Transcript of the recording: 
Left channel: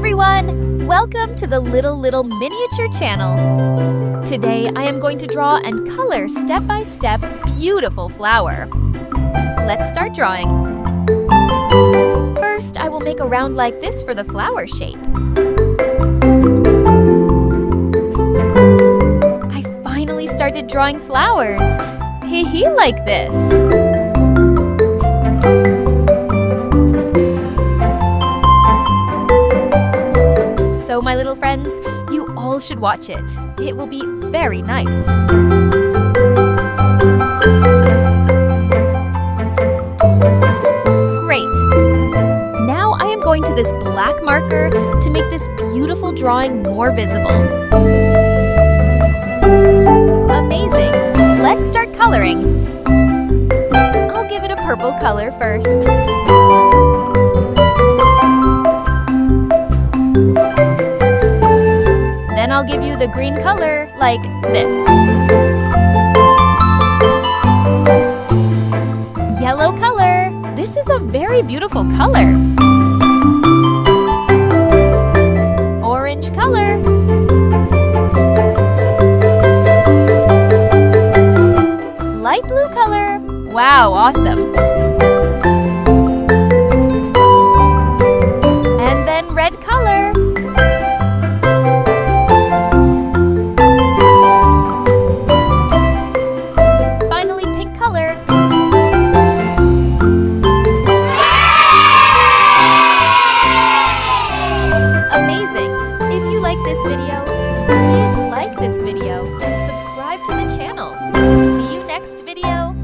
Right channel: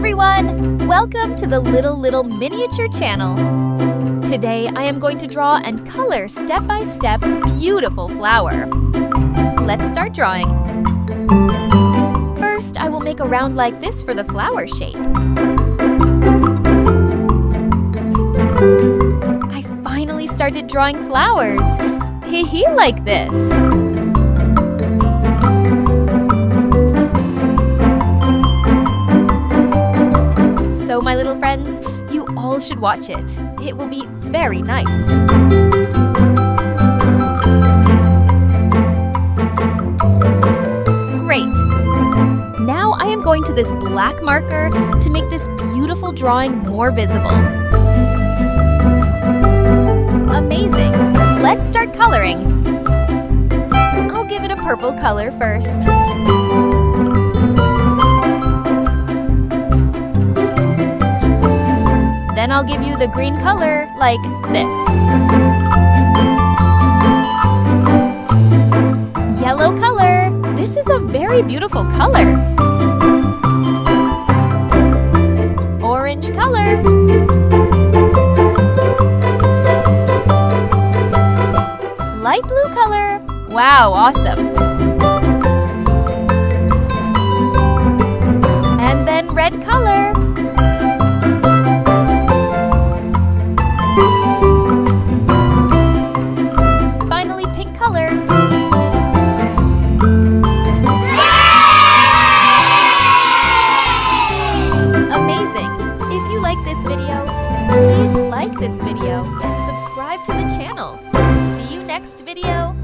everyone! Welcome to the Little Miniature channel. Today I am going to draw and color step by step beautiful flower. Let's start drawing. First, I will make a round like this for the flower shape. I finally started drawing flowers. Hee like this. So, my little friends, you all should watch it. It will be very nice. Great. Now I am going to this black marker to make this beautiful drawing more visible. Amazing. Let's start coloring. I'll give it a purple color first. Then I'll give you the green color like this. Yellow color. This is a very beautiful color. Orange color. Light blue color. Wow, awesome. And then red color. Finally, pink color. Amazing! If you like this video, please like this video and subscribe to the channel. See you next video.